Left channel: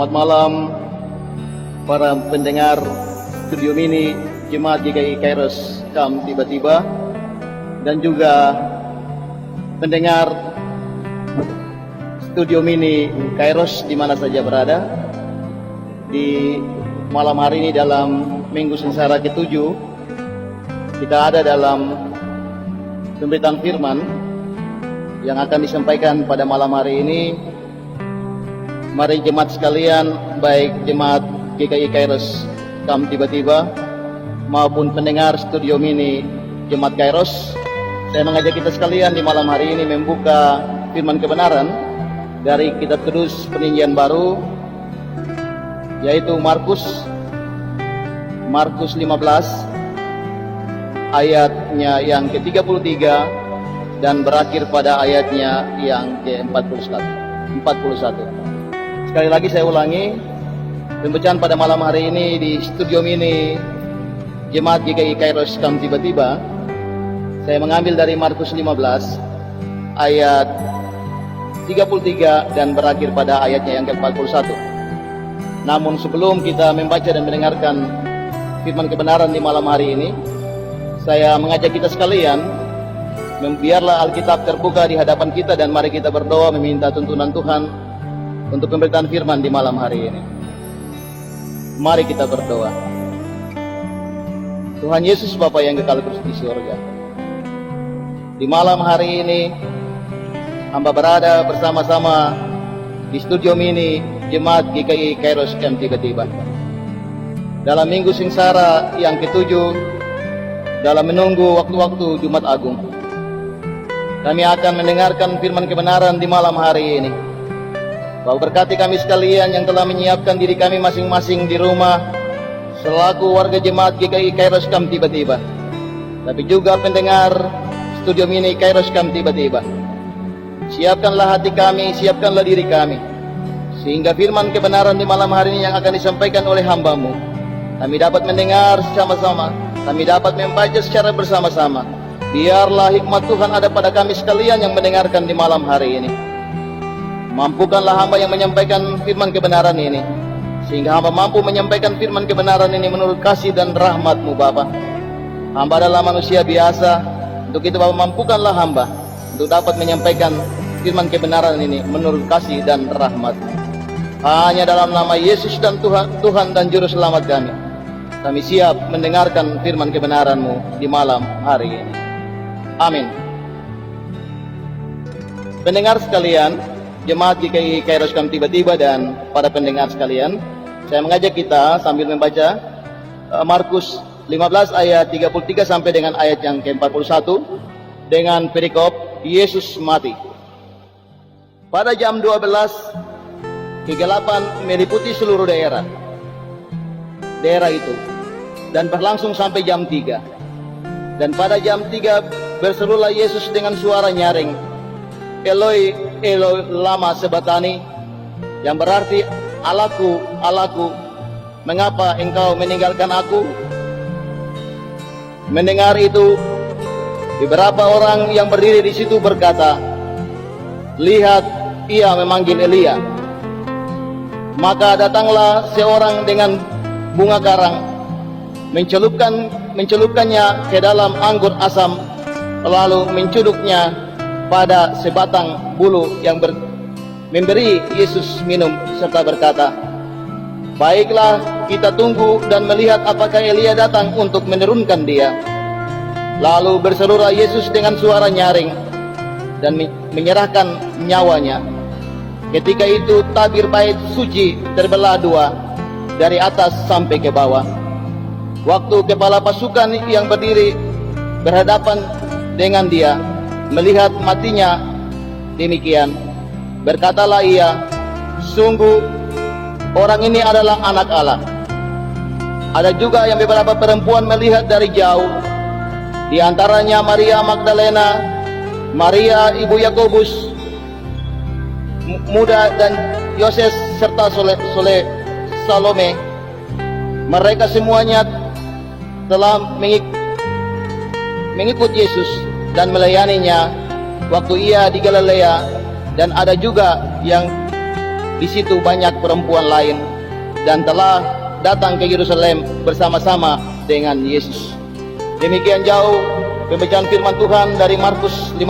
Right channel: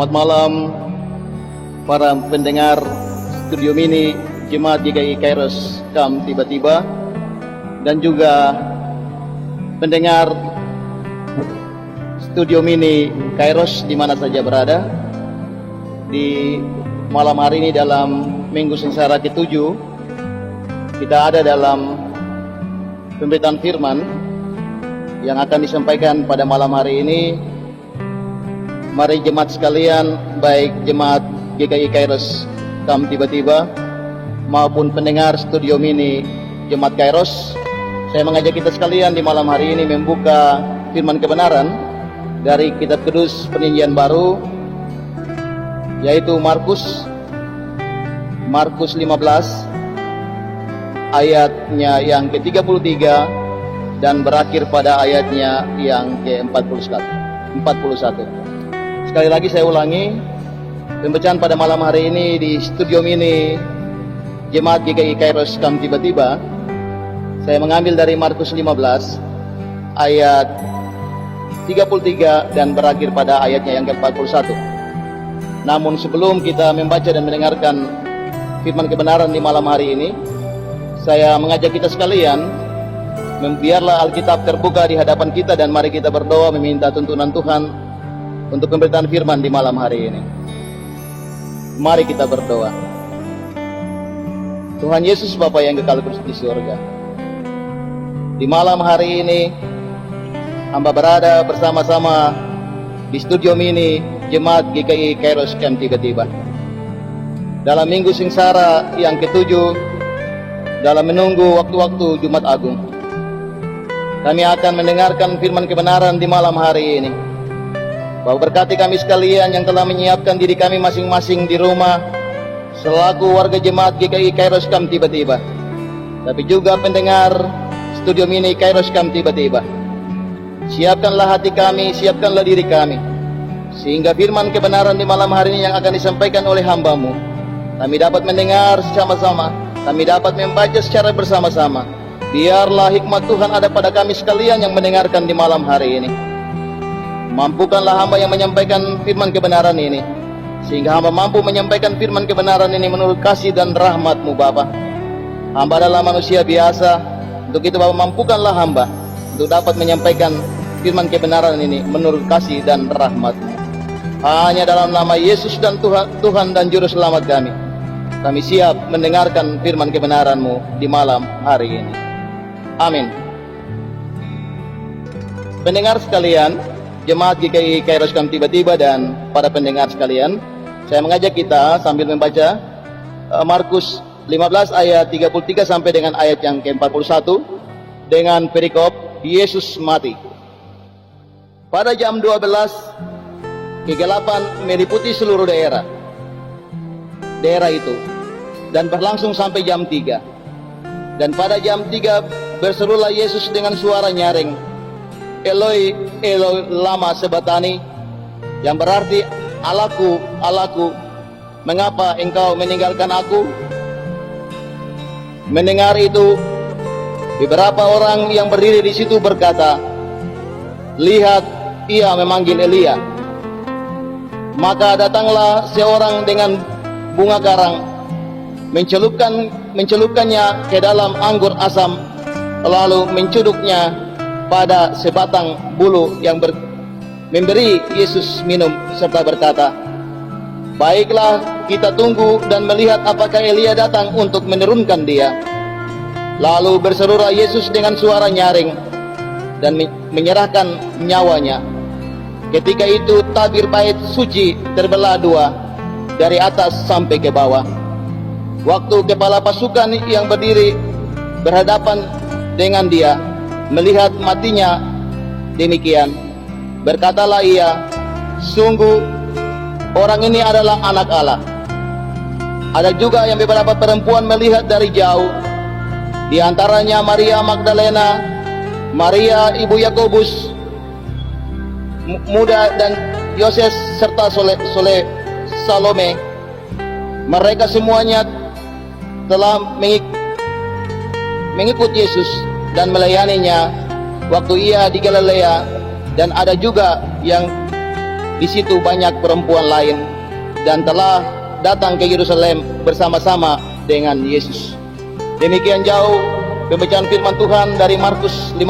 Selamat malam para pendengar Studio Mini Jemaat GKI Kairos Kam Tiba-Tiba, dan juga pendengar Studio Mini Kairos di mana saja berada. Di malam hari ini dalam Minggu Sengsara ke-7, kita ada dalam pemberitaan firman yang akan disampaikan pada malam hari ini. Mari jemaat sekalian, baik jemaat GKI Kairos Kam Tiba-Tiba maupun pendengar Studio Mini Jemaat Kairos, saya mengajak kita sekalian di malam hari ini membuka firman kebenaran dari Kitab Kudus Perjanjian Baru, yaitu Markus 15 ayatnya yang ke-33 dan berakhir pada ayatnya yang ke-41. Sekali lagi saya ulangi, pembacaan pada malam hari ini di Studio Mini Jemaat GKI Kairos Kam Tiba-Tiba, saya mengambil dari Markus 15 ayat 33 dan berakhir pada ayatnya yang ke-41. Namun sebelum kita membaca dan mendengarkan firman kebenaran di malam hari ini, saya mengajak kita sekalian, biarlah Alkitab terbuka di hadapan kita dan mari kita berdoa meminta tuntunan Tuhan untuk pemberitaan firman di malam hari ini. Mari kita berdoa. Tuhan Yesus Bapa yang kekal di surga, di malam hari ini hamba berada bersama-sama di Studio Mini Jemaat GKI Kairos Kam Tiba-Tiba dalam Minggu Sengsara yang ke-7, dalam menunggu waktu-waktu Jumat Agung. Kami akan mendengarkan firman kebenaran di malam hari ini. Bahwa berkati kami sekalian yang telah menyiapkan diri kami masing-masing di rumah selaku warga jemaat GKI Kairos Kam Tiba-Tiba, tapi juga pendengar Studio Mini Kairos Kam Tiba-Tiba. Siapkanlah hati kami, siapkanlah diri kami, sehingga firman kebenaran di malam hari ini yang akan disampaikan oleh hamba-Mu, kami dapat mendengar sama-sama, kami dapat membaca secara bersama-sama. Biarlah hikmat Tuhan ada pada kami sekalian yang mendengarkan di malam hari ini. Mampukanlah hamba yang menyampaikan firman kebenaran ini, sehingga hamba mampu menyampaikan firman kebenaran ini menurut kasih dan rahmat-Mu Bapa. Hamba adalah manusia biasa, untuk itu Bapa mampukanlah hamba untuk dapat menyampaikan firman kebenaran ini menurut kasih dan rahmat-Mu. Hanya dalam nama Yesus dan Tuhan dan Juru Selamat kami siap mendengarkan firman kebenaran-Mu di malam hari ini. Amin. Pendengar sekalian, Jemaat GKI Kairos Kam Tiba-Tiba dan para pendengar sekalian, saya mengajak kita sambil membaca Markus 15 ayat 33 sampai dengan ayat yang ke-41 dengan perikop Yesus mati. Pada jam 12, kegelapan meliputi seluruh daerah itu dan berlangsung sampai jam 3. Dan pada jam 3 berserulah Yesus dengan suara nyaring, Eloi, Eloi, lama sabatani, yang berarti Allahku, Allahku, mengapa engkau meninggalkan aku? Mendengar itu, beberapa orang yang berdiri di situ berkata, lihat, ia memanggil Elia. Maka datanglah seorang dengan bunga karang, mencelupkannya ke dalam anggur asam, lalu mencuduknya pada sebatang bulu yang memberi Yesus minum, serta berkata, baiklah, kita tunggu dan melihat apakah Elia datang untuk menurunkan dia. Lalu berserulah Yesus dengan suara nyaring dan menyerahkan nyawanya. Ketika itu tabir bait suci terbelah dua dari atas sampai ke bawah. Waktu kepala pasukan yang berdiri berhadapan dengan dia melihat matinya demikian, berkatalah ia, sungguh orang ini adalah anak Allah. Ada juga yang beberapa perempuan melihat dari jauh, di antaranya Maria Magdalena, Maria ibu Yakobus muda dan Yoses serta Salome. Mereka semuanya telah mengikut Yesus dan melayaninya waktu ia di Galilea, dan ada juga yang di situ banyak perempuan lain dan telah datang ke Yerusalem bersama-sama dengan Yesus. Demikian jauh pembacaan firman Tuhan dari Markus 15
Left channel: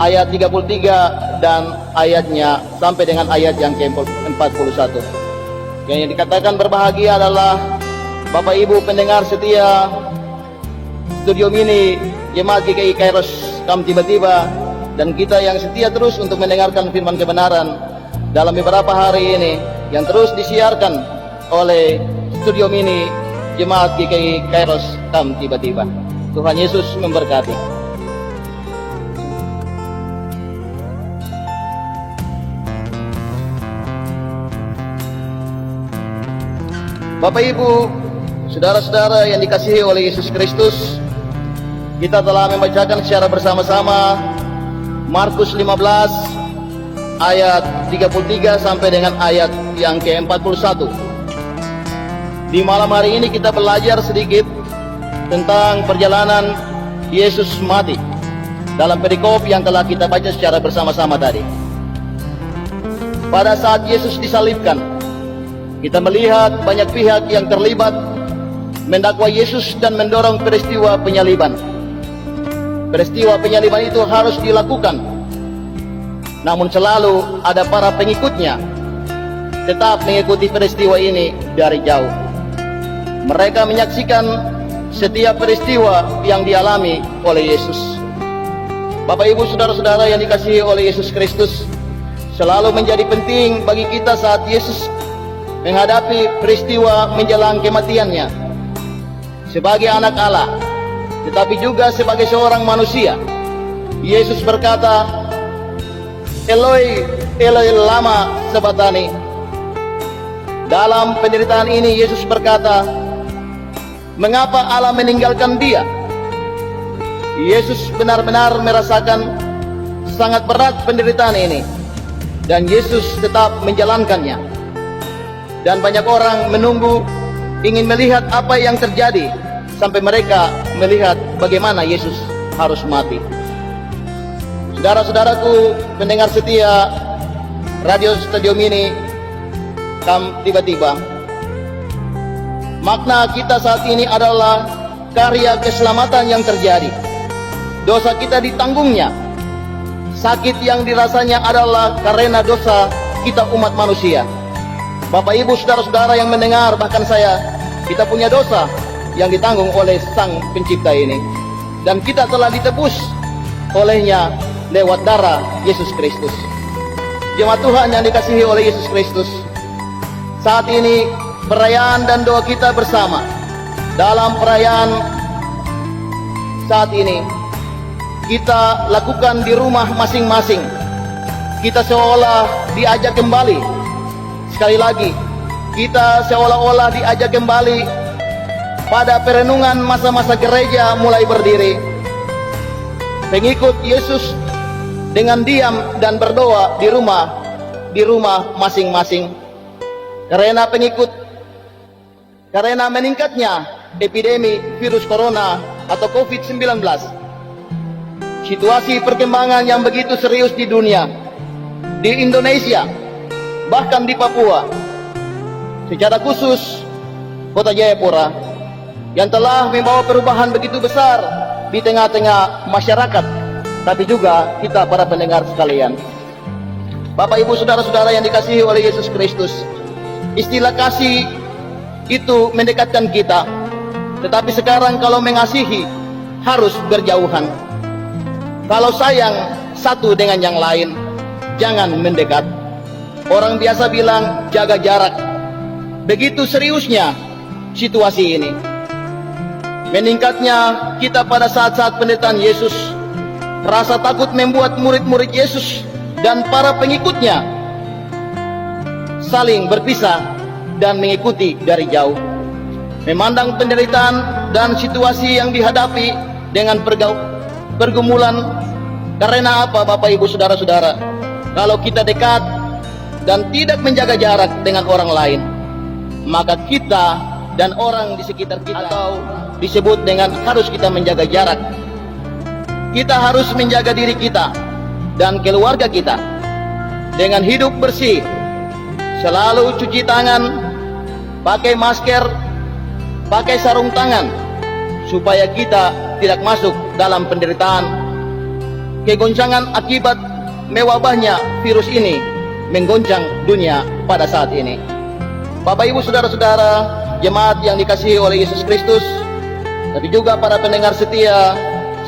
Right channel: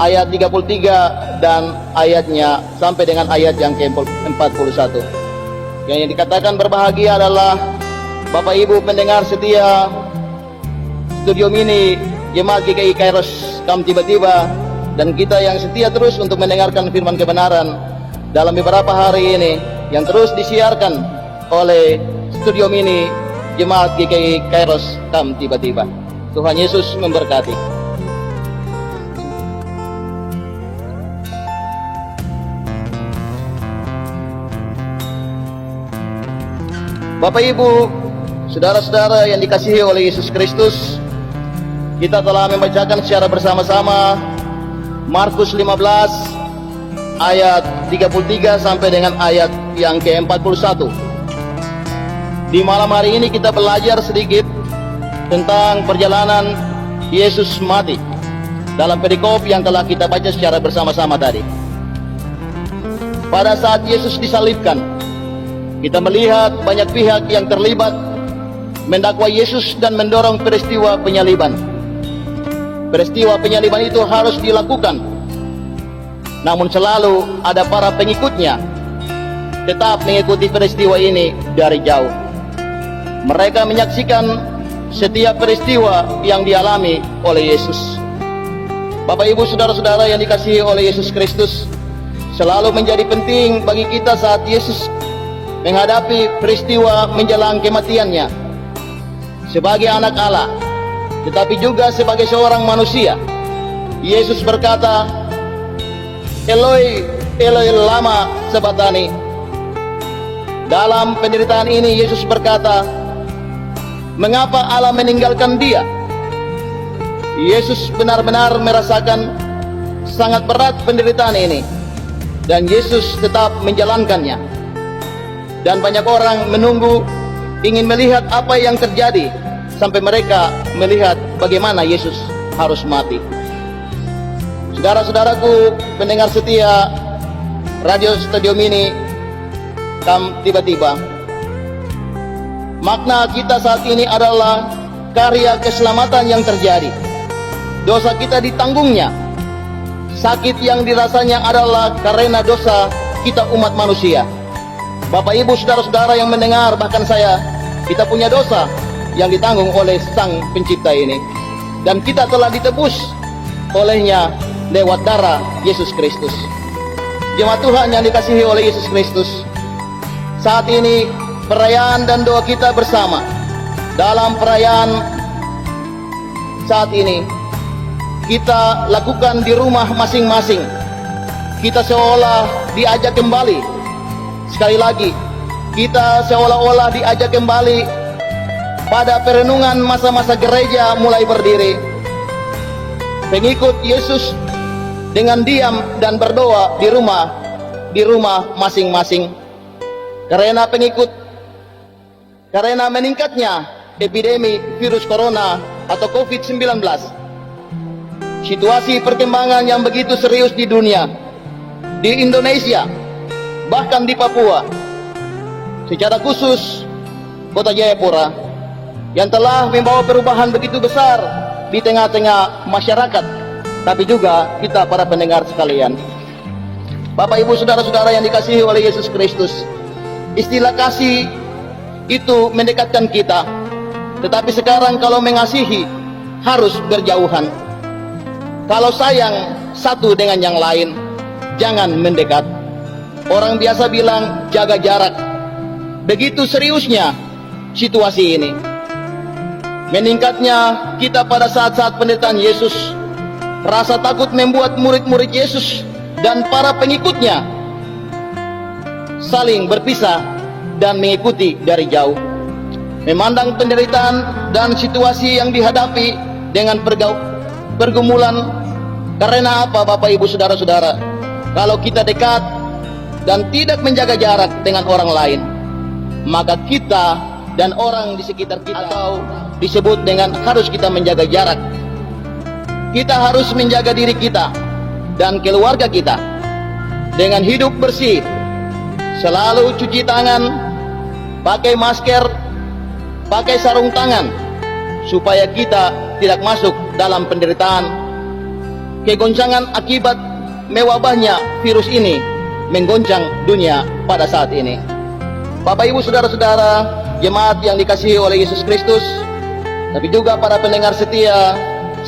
ayat 33 dan ayatnya sampai dengan ayat yang ke-41. Yang dikatakan berbahagia adalah Bapak Ibu pendengar setia Studio Mini Jemaat GKI Kairos Kam Tiba-Tiba, dan kita yang setia terus untuk mendengarkan firman kebenaran dalam beberapa hari ini yang terus disiarkan oleh Studio Mini Jemaat GKI Kairos Kam Tiba-Tiba. Tuhan Yesus memberkati. Bapak Ibu, saudara-saudara yang dikasihi oleh Yesus Kristus, kita telah membacakan secara bersama-sama Markus 15 ayat 33 sampai dengan ayat yang ke-41. Di malam hari ini kita belajar sedikit tentang perjalanan Yesus mati dalam perikop yang telah kita baca secara bersama-sama tadi. Pada saat Yesus disalibkan, kita melihat banyak pihak yang terlibat mendakwa Yesus dan mendorong peristiwa penyaliban. Peristiwa penyaliban itu harus dilakukan, namun selalu ada para pengikutnya tetap mengikuti peristiwa ini dari jauh. Mereka menyaksikan setiap peristiwa yang dialami oleh Yesus. Bapak Ibu saudara-saudara yang dikasihi oleh Yesus Kristus, selalu menjadi penting bagi kita saat Yesus menghadapi peristiwa menjelang kematiannya sebagai anak Allah, tetapi juga sebagai seorang manusia. Yesus berkata, Eloi, Eloi lama sabachthani. Dalam penderitaan ini Yesus berkata, mengapa Allah meninggalkan dia? Yesus benar-benar merasakan sangat berat penderitaan ini, dan Yesus tetap menjalankannya. Dan banyak orang menunggu, ingin melihat apa yang terjadi, sampai mereka melihat bagaimana Yesus harus mati. Saudara-saudaraku pendengar setia Radio Studio Mini Kam Tiba-Tiba, makna kita saat ini adalah karya keselamatan yang terjadi. Dosa kita ditanggungnya. Sakit yang dirasanya adalah karena dosa kita umat manusia. Bapak Ibu saudara-saudara yang mendengar, bahkan saya, kita punya dosa yang ditanggung oleh Sang Pencipta ini, dan kita telah ditebus olehnya lewat darah Yesus Kristus. Jemaat Tuhan yang dikasihi oleh Yesus Kristus, saat ini perayaan dan doa kita bersama. Dalam perayaan saat ini kita lakukan di rumah masing-masing. Kita seolah diajak kembali. Sekali lagi, kita seolah-olah diajak kembali pada perenungan masa-masa gereja mulai berdiri. Pengikut Yesus dengan diam dan berdoa di rumah masing-masing. Karena meningkatnya epidemi virus corona atau COVID-19. Situasi perkembangan yang begitu serius di dunia, di Indonesia, bahkan di Papua, secara khusus Kota Jayapura, yang telah membawa perubahan begitu besar di tengah-tengah masyarakat, tapi juga kita para pendengar sekalian. Bapak Ibu saudara-saudara yang dikasihi oleh Yesus Kristus, istilah kasih itu mendekatkan kita, tetapi sekarang kalau mengasihi harus berjauhan. Kalau sayang satu dengan yang lain, jangan mendekat. Orang biasa bilang jaga jarak. Begitu seriusnya situasi ini. Meningkatnya kita pada saat-saat penderitaan Yesus, rasa takut membuat murid-murid Yesus dan para pengikutnya saling berpisah dan mengikuti dari jauh. Memandang penderitaan dan situasi yang dihadapi dengan pergumulan. Karena apa Bapak Ibu saudara-saudara? Kalau kita dekat dan tidak menjaga jarak dengan orang lain, maka kita dan orang di sekitar kita, atau disebut dengan harus kita menjaga jarak. Kita harus menjaga diri kita dan keluarga kita dengan hidup bersih selalu cuci tangan, pakai masker, pakai sarung tangan, supaya kita tidak masuk dalam penderitaan, kegoncangan akibat mewabahnya virus ini menggoncang dunia pada saat ini. Bapak Ibu Saudara-saudara, jemaat yang dikasihi oleh Yesus Kristus, tapi juga para pendengar setia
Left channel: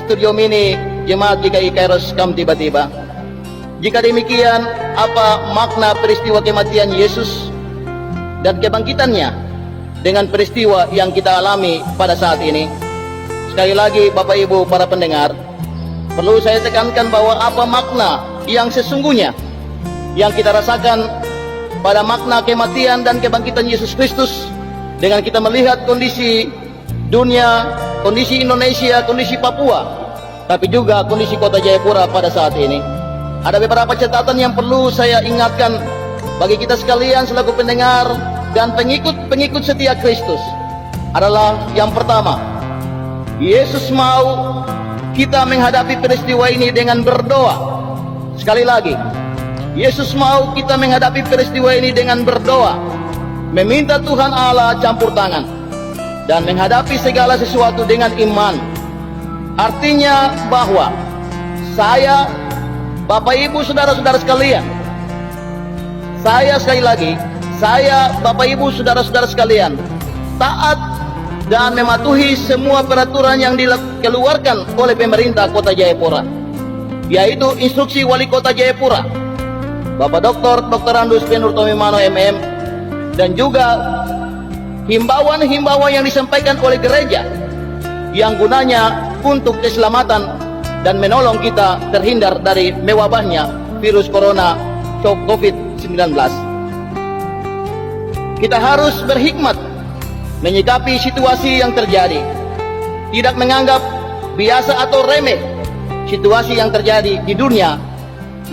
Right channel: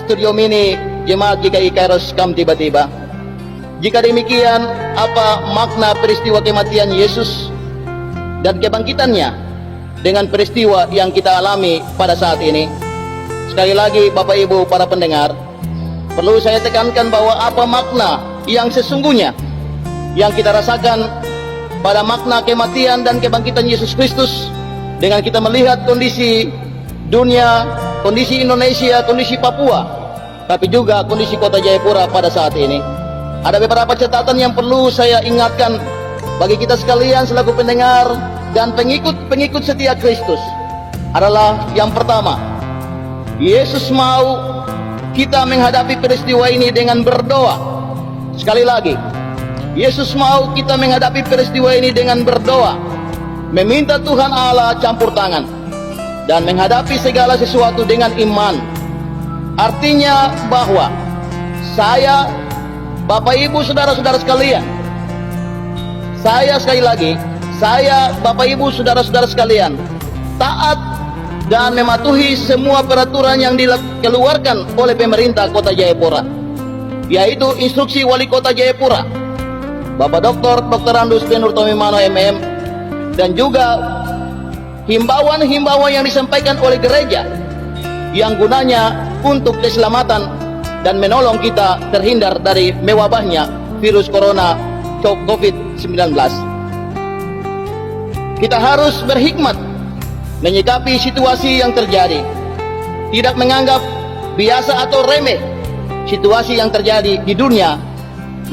Studio Mini Jemaat GKI Kairos Kam Tiba-Tiba. Jika demikian, apa makna peristiwa kematian Yesus dan kebangkitannya dengan peristiwa yang kita alami pada saat ini? Sekali lagi Bapak Ibu para pendengar, perlu saya tekankan bahwa apa makna yang sesungguhnya yang kita rasakan pada makna kematian dan kebangkitan Yesus Kristus dengan kita melihat kondisi dunia, kondisi Indonesia, kondisi Papua, tapi juga kondisi Kota Jayapura pada saat ini. Ada beberapa catatan yang perlu saya ingatkan bagi kita sekalian selaku pendengar dan pengikut setia Kristus. Adalah yang pertama, Yesus mau kita menghadapi peristiwa ini dengan berdoa. Sekali lagi, Yesus mau kita menghadapi peristiwa ini dengan berdoa, meminta Tuhan Allah campur tangan, dan menghadapi segala sesuatu dengan iman. Artinya bahwa saya, Bapak Ibu Saudara-saudara sekalian, saya sekali lagi, saya Bapak Ibu Saudara-saudara sekalian, taat dan mematuhi semua peraturan yang dikeluarkan oleh pemerintah Kota Jayapura, yaitu instruksi Wali Kota Jayapura, Bapak Dr. Andus Penur Tomimano MM, dan juga himbauan-himbauan yang disampaikan oleh gereja yang gunanya untuk keselamatan dan menolong kita terhindar dari mewabahnya virus corona COVID-19. Kita harus berhikmat menyikapi situasi yang terjadi, tidak menganggap biasa atau remeh situasi yang terjadi di dunia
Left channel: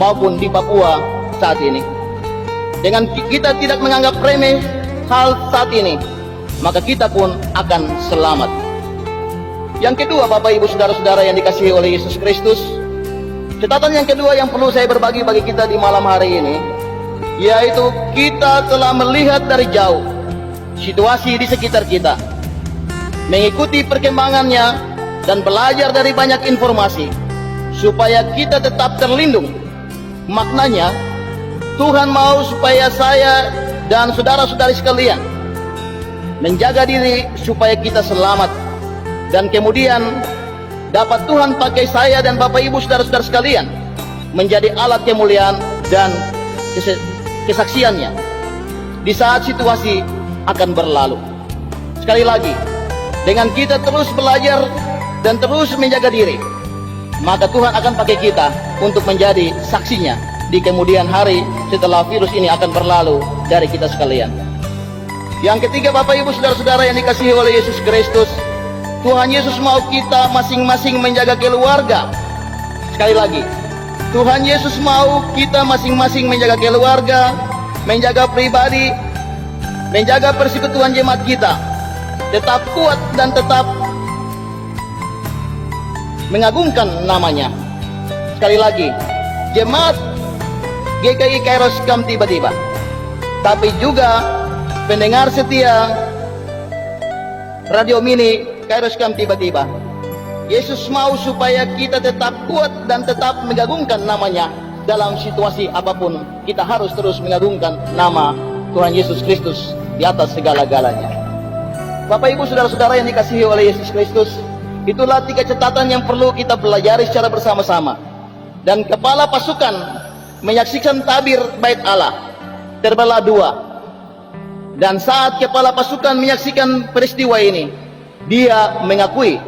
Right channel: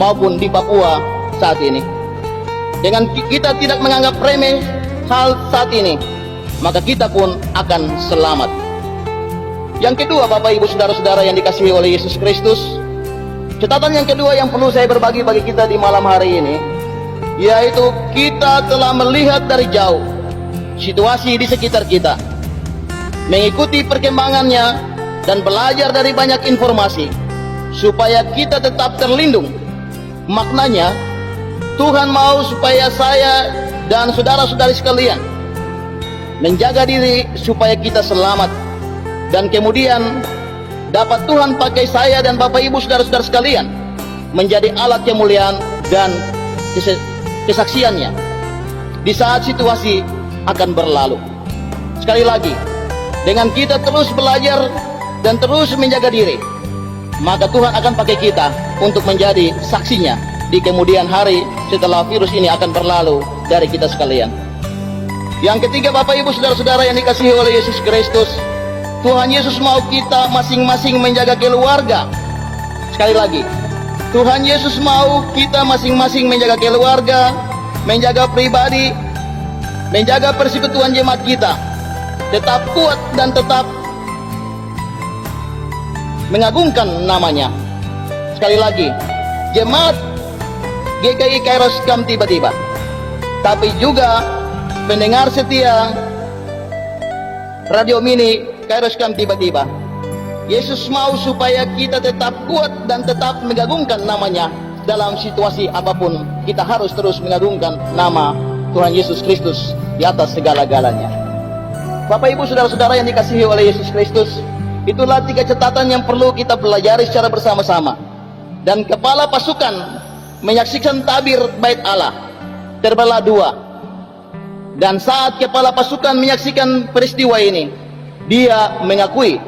maupun di Papua saat ini. Dengan kita tidak menganggap remeh hal saat ini, maka kita pun akan selamat. Yang kedua, Bapak Ibu Saudara-saudara yang dikasihi oleh Yesus Kristus, catatan yang kedua yang perlu saya berbagi bagi kita di malam hari ini, yaitu kita telah melihat dari jauh situasi di sekitar kita, mengikuti perkembangannya dan belajar dari banyak informasi supaya kita tetap terlindung. Maknanya, Tuhan mau supaya saya dan saudara-saudari sekalian menjaga diri supaya kita selamat, dan kemudian dapat Tuhan pakai saya dan Bapak Ibu Saudara-saudara sekalian menjadi alat kemuliaan dan kesaksiannya di saat situasi akan berlalu. Sekali lagi, dengan kita terus belajar dan terus menjaga diri, maka Tuhan akan pakai kita untuk menjadi saksinya di kemudian hari setelah virus ini akan berlalu dari kita sekalian. Yang ketiga, Bapak Ibu Saudara-saudara yang dikasihi oleh Yesus Kristus, Tuhan Yesus mau kita masing-masing menjaga keluarga. Sekali lagi, Tuhan Yesus mau kita masing-masing menjaga keluarga, menjaga pribadi, menjaga persekutuan jemaat kita tetap kuat dan tetap mengagungkan namanya. Sekali lagi, jemaat GKI Kairos Kam Tiba-Tiba, tapi juga pendengar setia Radio Mini Kairos Kam Tiba-Tiba, Yesus mau supaya kita tetap kuat dan tetap mengagungkan namanya dalam situasi apapun. Kita harus terus mengagungkan nama Tuhan Yesus Kristus di atas segala-galanya. Bapak Ibu Saudara-saudara yang dikasihi oleh Yesus Kristus, itulah 3 catatan yang perlu kita pelajari secara bersama-sama. Dan kepala pasukan menyaksikan tabir bait Allah terbelah 2. Dan saat kepala pasukan menyaksikan peristiwa ini, dia mengakui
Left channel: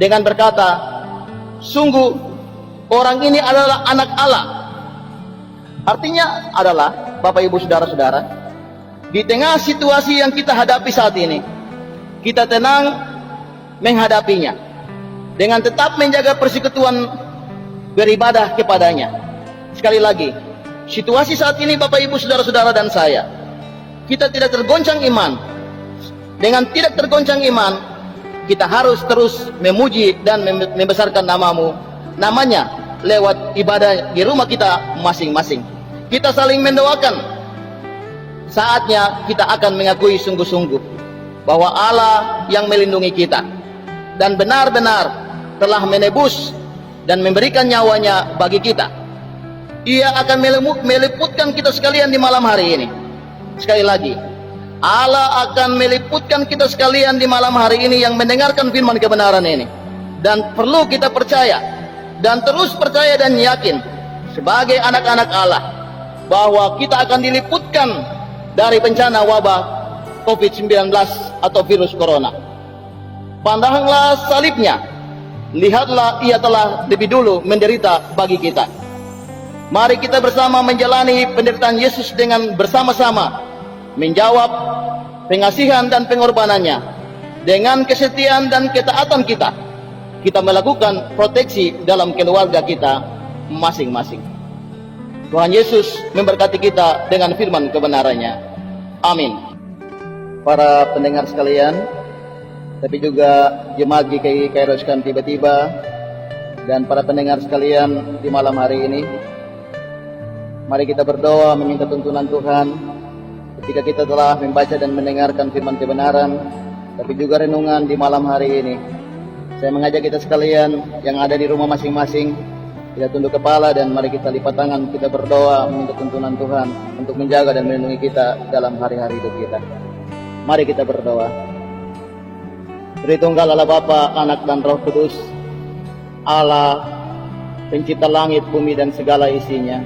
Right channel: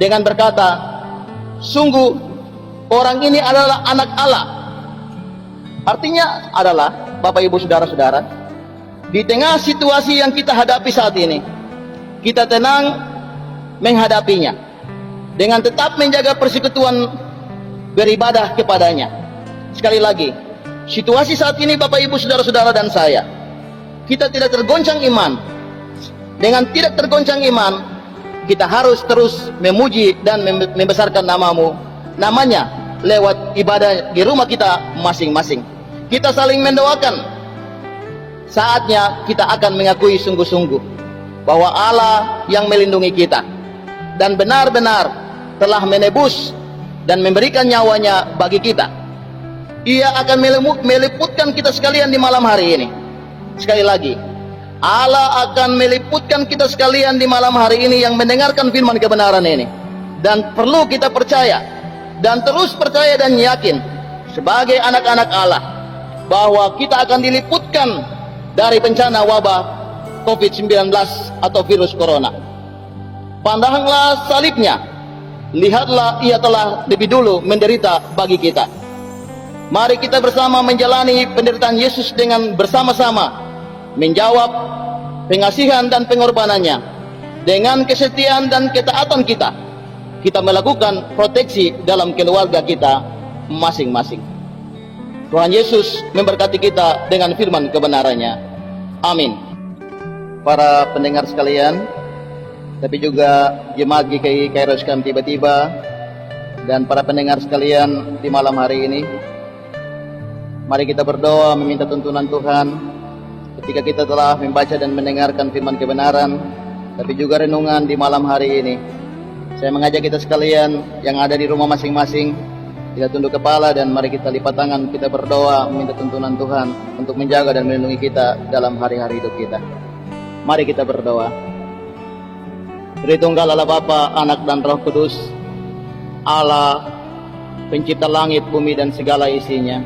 dengan berkata, sungguh orang ini adalah anak Allah. Artinya adalah, Bapak Ibu Saudara-saudara, di tengah situasi yang kita hadapi saat ini, kita tenang menghadapinya dengan tetap menjaga persekutuan beribadah kepadanya. Sekali lagi, situasi saat ini Bapak Ibu Saudara-saudara dan saya, kita tidak tergoncang iman. Dengan tidak tergoncang iman, kita harus terus memuji dan membesarkan namanya lewat ibadah di rumah kita masing-masing. Kita saling mendoakan saatnya kita akan mengakui sungguh-sungguh bahwa Allah yang melindungi kita dan benar-benar telah menebus dan memberikan nyawanya bagi kita. Ia akan meliputkan kita sekalian di malam hari ini. Sekali lagi, Allah akan meliputkan kita sekalian di malam hari ini yang mendengarkan firman kebenaran ini. Dan perlu kita percaya dan terus percaya dan yakin sebagai anak-anak Allah bahwa kita akan diliputkan dari bencana wabah COVID-19 atau virus corona. Pandanglah salibnya, lihatlah ia telah lebih dulu menderita bagi kita. Mari kita bersama menjalani penderitaan Yesus dengan bersama-sama menjawab pengasihan dan pengorbanannya. Dengan kesetiaan dan ketaatan kita melakukan proteksi dalam keluarga kita masing-masing. Tuhan Yesus memberkati kita dengan firman kebenarannya. Amin. Para pendengar sekalian, tapi juga jemaat GKI Kairos Camp Tiba-Tiba, dan para pendengar sekalian di malam hari ini, mari kita berdoa meminta tuntunan Tuhan ketika kita telah membaca dan mendengarkan firman kebenaran, tapi juga renungan di malam hari ini. Saya mengajak kita sekalian yang ada di rumah masing-masing, kita tunduk kepala dan mari kita lipat tangan, kita berdoa meminta tuntunan Tuhan untuk menjaga dan melindungi kita dalam hari-hari hidup kita. Mari kita berdoa. Tritunggal Allah Bapa, Anak dan Roh Kudus, Allah pencipta langit, bumi dan segala isinya.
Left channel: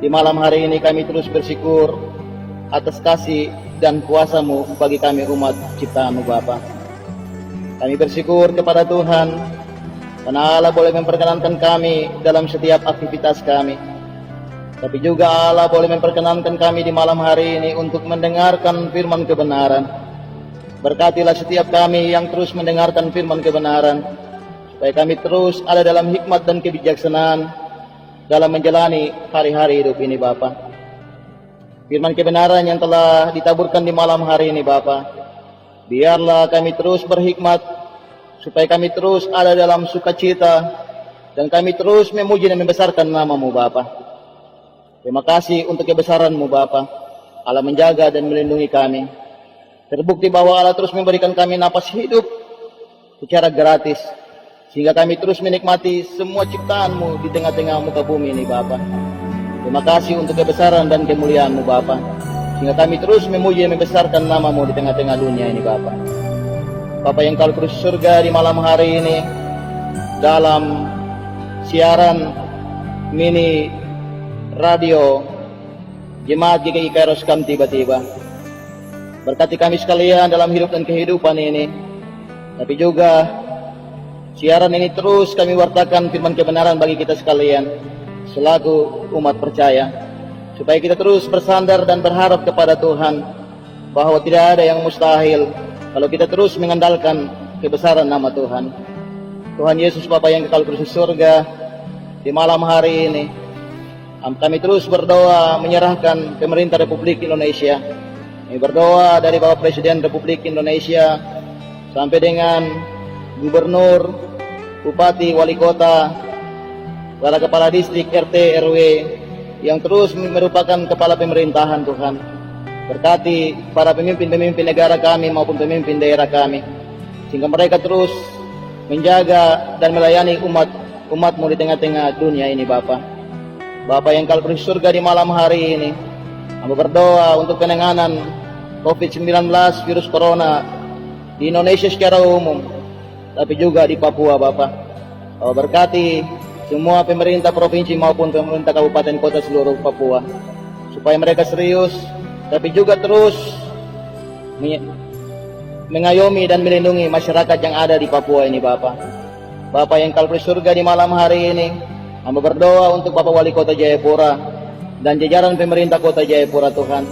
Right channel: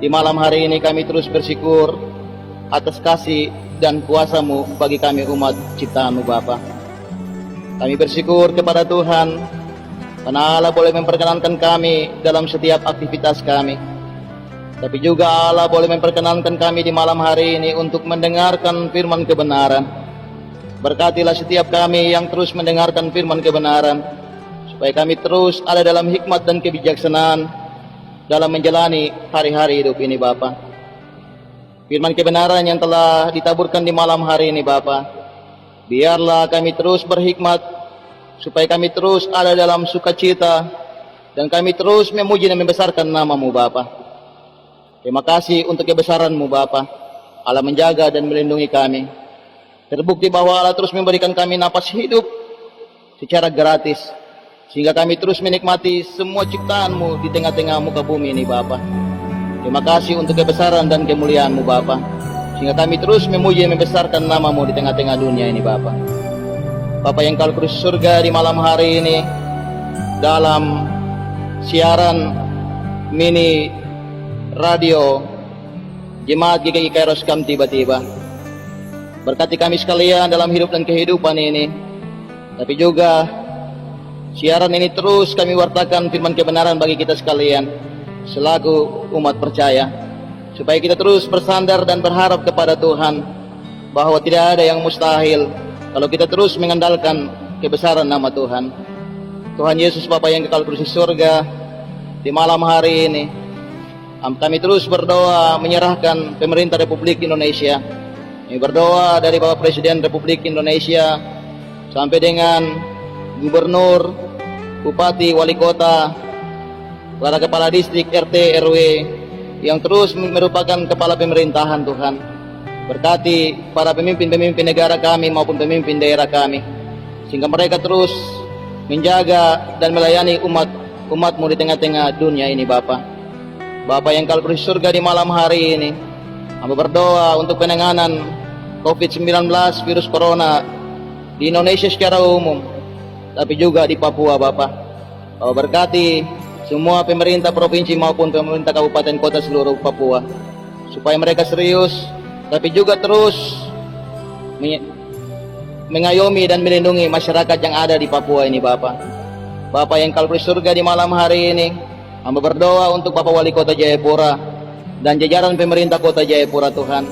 Di malam hari ini kami terus bersyukur atas kasih dan kuasa-Mu bagi kami umat ciptaan-Mu Bapa. Kami bersyukur kepada Tuhan karena Allah boleh memperkenankan kami dalam setiap aktivitas kami. Tapi juga Allah boleh memperkenankan kami di malam hari ini untuk mendengarkan firman kebenaran. Berkatilah setiap kami yang terus mendengarkan firman kebenaran, supaya kami terus ada dalam hikmat dan kebijaksanaan dalam menjalani hari-hari hidup ini Bapa. Firman kebenaran yang telah ditaburkan di malam hari ini Bapa, biarlah kami terus berhikmat, supaya kami terus ada dalam sukacita, dan kami terus memuji dan membesarkan nama-Mu Bapa. Terima kasih untuk kebesaran-Mu Bapa. Allah menjaga dan melindungi kami. Terbukti bahwa Allah terus memberikan kami napas hidup secara gratis, sehingga kami terus menikmati semua ciptaan-Mu di tengah-tengah muka bumi ini Bapa. Terima kasih untuk kebesaran dan kemuliaan-Mu Bapa, sehingga kami terus memuji dan membesarkan nama-Mu di tengah-tengah dunia ini Bapa. Bapa yang kau terus surga, di malam hari ini dalam siaran mini radio Jemaat GKI Kairos Camp Tiba-Tiba, berkati kami sekalian dalam hidup dan kehidupan ini. Tapi juga siaran ini terus kami wartakan firman kebenaran bagi kita sekalian selaku umat percaya, supaya kita terus bersandar dan berharap kepada Tuhan bahwa tidak ada yang mustahil kalau kita terus mengandalkan kebesaran nama Tuhan. Tuhan Yesus Bapa yang kekal di surga, di malam hari ini kami terus berdoa menyerahkan pemerintah Republik Indonesia. Kami berdoa dari Bapak Presiden Republik Indonesia sampai dengan Gubernur, Bupati, Wali Kota, para kepala distrik, RT, RW yang terus merupakan kepala pemerintahan Tuhan. Berkati para pemimpin-pemimpin negara kami maupun pemimpin daerah kami, sehingga mereka terus menjaga dan melayani umat-Mu di tengah-tengah dunia ini Bapa. Bapa yang kau di surga, di malam hari ini kami berdoa untuk penanganan COVID-19 virus corona di Indonesia secara umum, tapi juga di Papua Bapa. Kau berkati semua pemerintah provinsi maupun pemerintah kabupaten kota seluruh Papua, supaya mereka serius tapi juga terus mengayomi dan melindungi masyarakat yang ada di Papua ini Bapa. Bapa yang kau di surga, di malam hari ini kami berdoa untuk Bapak Wali Kota Jayapura dan jajaran pemerintah Kota Jayapura Tuhan.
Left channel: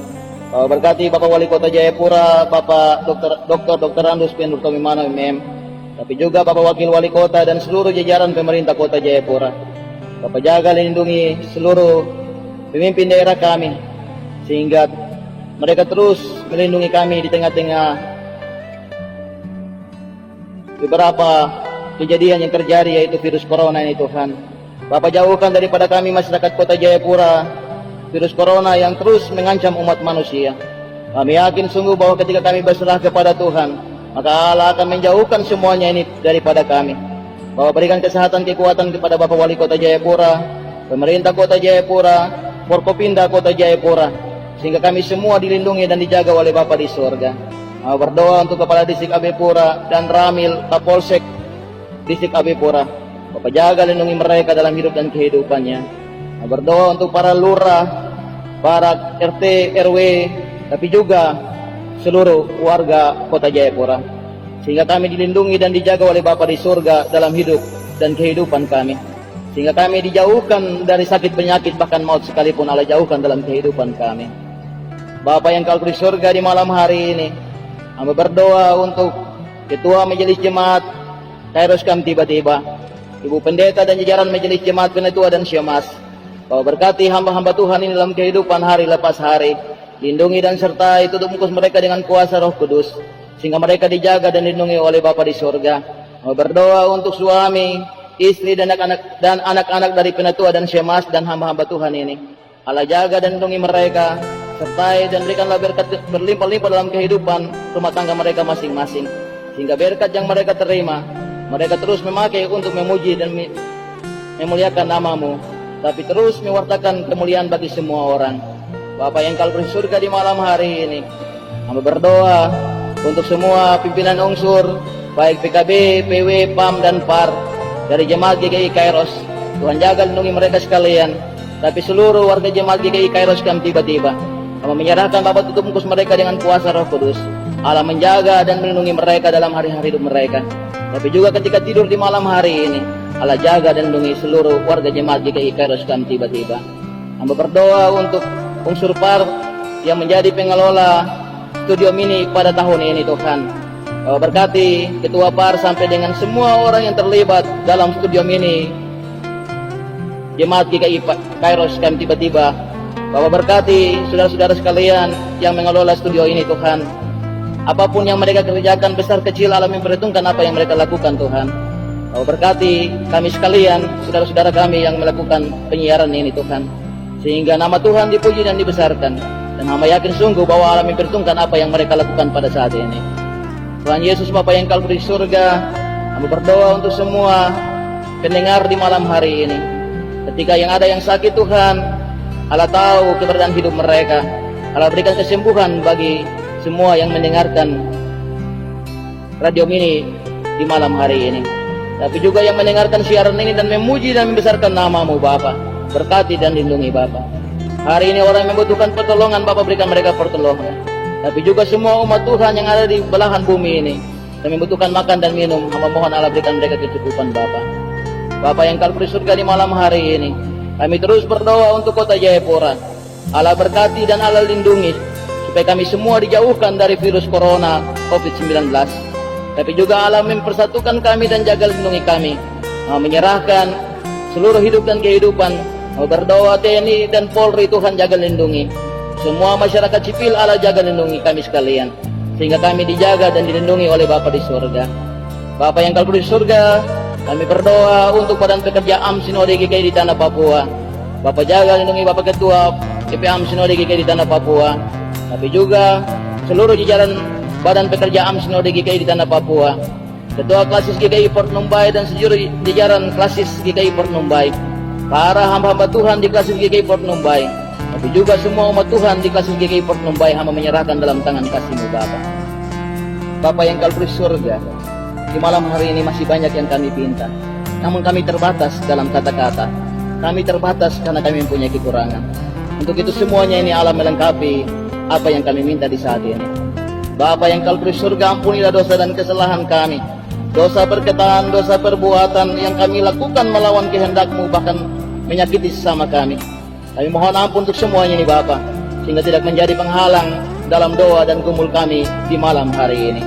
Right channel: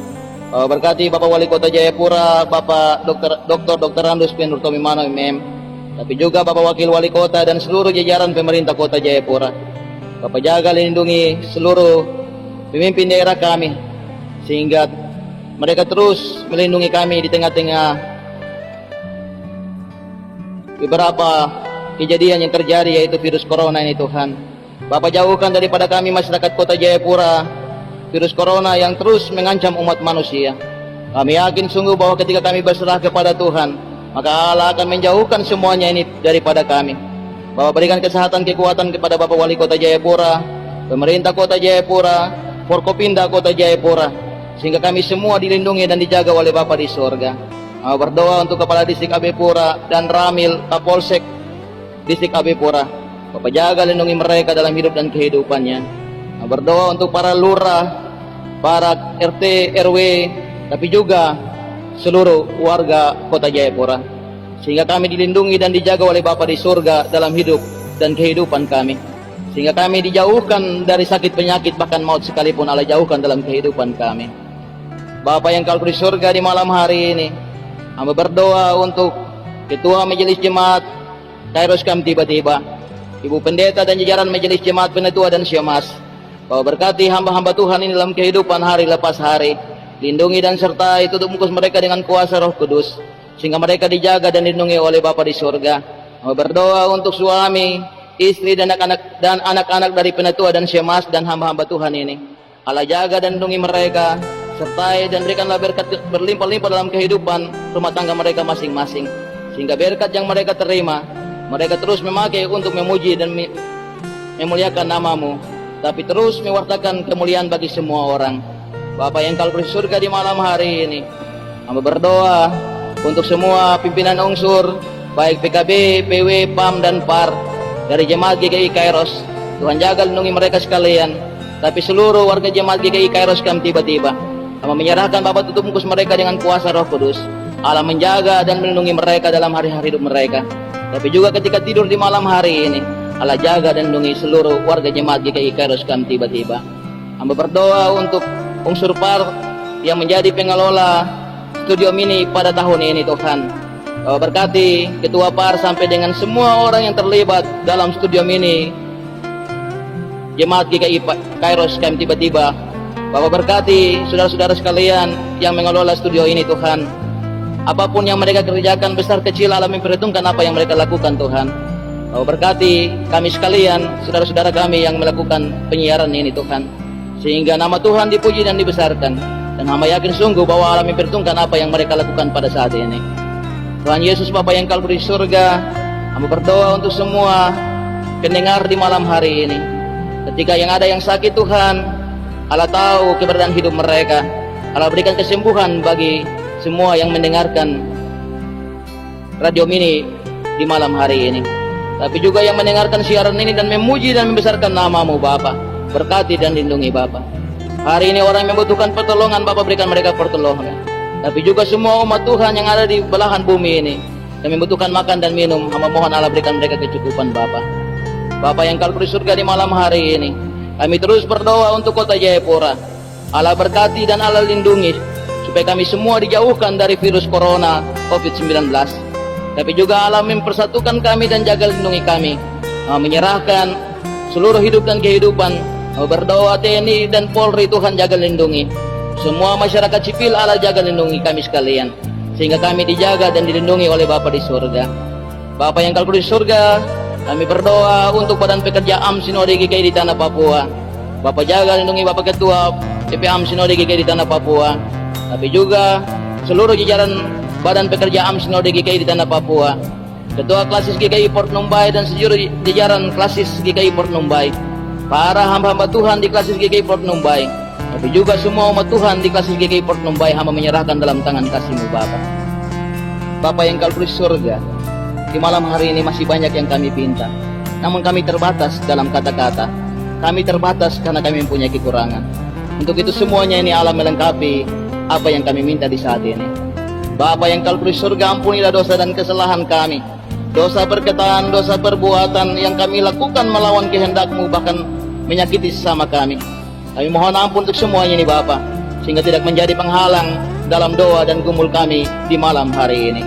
Berkati Bapak Wali Kota Jayapura, Bapak Dr. Andus Penurto Mimano MM, tapi juga Bapak Wakil Wali Kota dan seluruh jajaran pemerintah Kota Jayapura. Bapak jaga lindungi seluruh pemimpin daerah kami, sehingga mereka terus melindungi kami di tengah-tengah beberapa kejadian yang terjadi, yaitu virus corona ini Tuhan. Bapak jauhkan daripada kami masyarakat Kota Jayapura virus corona yang terus mengancam umat manusia. Kami yakin sungguh bahwa ketika kami berserah kepada Tuhan, maka Allah akan menjauhkan semuanya ini daripada kami. Bahwa berikan kesehatan kekuatan kepada Bapak Wali Kota Jayapura, pemerintah Kota Jayapura, Forkopimda Kota Jayapura, sehingga kami semua dilindungi dan dijaga oleh Bapa di surga. Kami berdoa untuk Kepala Distrik AB Pura dan Ramil Kapolsek Distrik AB Pura. Bapak jaga lindungi mereka dalam hidup dan kehidupannya. Kami berdoa untuk para lurah, para RT, RW, tapi juga seluruh warga Kota Jayapura, sehingga kami dilindungi dan dijaga oleh Bapa di surga dalam hidup dan kehidupan kami, sehingga kami dijauhkan dari sakit penyakit, bahkan maut sekalipun Allah jauhkan dalam kehidupan kami. Bapa yang kau di surga, di malam hari ini kami berdoa untuk Ketua Majelis Jemaat Kairos Kam tiba-tiba, Ibu Pendeta dan jajaran Majelis Jemaat Penetua dan Syamas. Kau berkati hamba-hamba Tuhan ini dalam kehidupan hari lepas hari. Lindungi dan sertai, tutup muka mereka dengan kuasa Roh Kudus, sehingga mereka dijaga dan dilindungi oleh Bapa di surga. Kau berdoa untuk suami, istri dan anak-anak dari Penetua dan Syamas dan hamba-hamba Tuhan ini. Allah jaga dan lindungi mereka, sertai dan berikanlah berkat berlimpah-limpah dalam kehidupan rumah tangga mereka masing-masing, sehingga berkat yang mereka terima, mereka terus memakai untuk memuji dan memuliakan nama-Mu, tapi terus mewartakan kemuliaan bagi semua orang. Bapa yang kau di surga, di malam hari ini kami berdoa untuk semua pimpinan unsur, baik PKB, PW, PAM, dan PAR dari Jemaat GKI Kairos. Tuhan jaga lindungi mereka sekalian, tapi seluruh warga Jemaat GKI Kairos Kam tiba-tiba kami menyerahkan Bapa, tutup muka mereka dengan kuasa Roh Kudus. Allah menjaga dan melindungi mereka dalam hari-hari hidup mereka, tapi juga ketika tidur di malam hari ini Allah jaga dan lindungi seluruh warga Jemaat GKI Kairos Kam tiba-tiba. Kami berdoa untuk unsur PAR yang menjadi pengelola studio mini pada tahun ini. Tuhan, Kau berkati Ketua PAR sampai dengan semua orang yang terlibat dalam studio mini Jemaat GKI Kairos Kam tiba-tiba. Bapak berkati saudara-saudara sekalian yang mengelola studio ini. Tuhan, apapun yang mereka kerjakan, besar kecil, Allah memperhitungkan apa yang mereka lakukan. Tuhan, Bapak berkati kami sekalian, saudara-saudara kami yang melakukan penyiaran ini. Tuhan, sehingga nama Tuhan dipuji dan dibesarkan, dan hamba yakin sungguh bahwa Allah memperhitungkan apa yang mereka lakukan pada saat ini. Tuhan Yesus, Bapa yang kau di surga, kami berdoa untuk semua pendengar di malam hari ini. Ketika yang ada yang sakit, Tuhan, Allah tahu keberadaan hidup mereka. Allah berikan kesembuhan bagi semua yang mendengarkan radio mini di malam hari ini, tapi juga yang mendengarkan siaran ini dan memuji dan membesarkan nama-Mu. Bapa, berkati dan lindungi Bapa. Hari ini orang yang membutuhkan pertolongan, Bapa berikan mereka pertolongan. Tapi juga semua umat Tuhan yang ada di belahan bumi ini yang membutuhkan makan dan minum, hamba mohon Allah berikan mereka kecukupan. Bapa, Bapa yang kau di surga, di malam hari ini kami terus berdoa untuk Kota Jayapura. Allah berkati dan Allah lindungi supaya kami semua dijauhkan dari virus corona COVID-19. Tapi juga Allah mempersatukan kami dan jaga lindungi kami. Menyerahkan seluruh hidup dan kehidupan. Berdoa TNI dan Polri, Tuhan jaga lindungi. Semua masyarakat sipil, Allah jaga lindungi kami sekalian, sehingga kami dijaga dan dilindungi oleh Bapa di surga. Bapa yang kau di surga, kami berdoa untuk Badan Pekerja AM Sinode GKI di Tanah Papua. Bapak jaga lindungi Bapak Ketua PPAM Sinode GKI di Tanah Papua, tapi juga seluruh jajaran Badan Pekerja AM Sinode GKI di Tanah Papua, Ketua Klasis GKI Port Numbai dan seluruh jajaran Klasis GKI Port Numbai, para hamba-hamba Tuhan di Klasis GKI Port Numbai, tapi juga semua umat Tuhan di Klasis GKI Port Numbai, hamba menyerahkan dalam tangan kasih-Mu Bapa. Bapa yang kau di surga, di malam hari ini masih banyak yang kami pinta, namun kami terbatas dalam kata-kata. Kami terbatas karena kami mempunyai kekurangan. Untuk itu semuanya ini Allah melengkapi apa yang kami minta di saat ini. Bapa yang kau di surga, ampunilah dosa dan kesalahan kami, dosa perkataan, dosa perbuatan yang kami lakukan melawan kehendak-Mu, bahkan menyakiti sesama kami. Kami mohon ampun untuk semuanya ini Bapa, sehingga tidak menjadi penghalang dalam doa dan gumul kami di malam hari ini.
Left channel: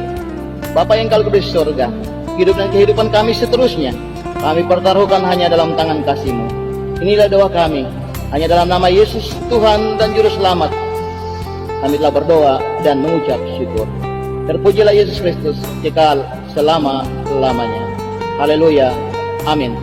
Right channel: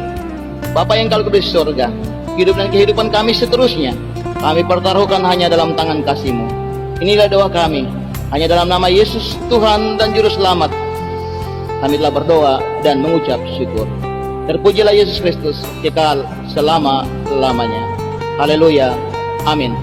Bapa yang kau di surga, hidup dan kehidupan kami seterusnya kami pertaruhkan hanya dalam tangan kasih-Mu. Inilah doa kami, hanya dalam nama Yesus Tuhan dan Juru Selamat kami telah berdoa dan mengucap syukur. Terpujilah Yesus Kristus kekal selama-lamanya. Haleluya. Amin.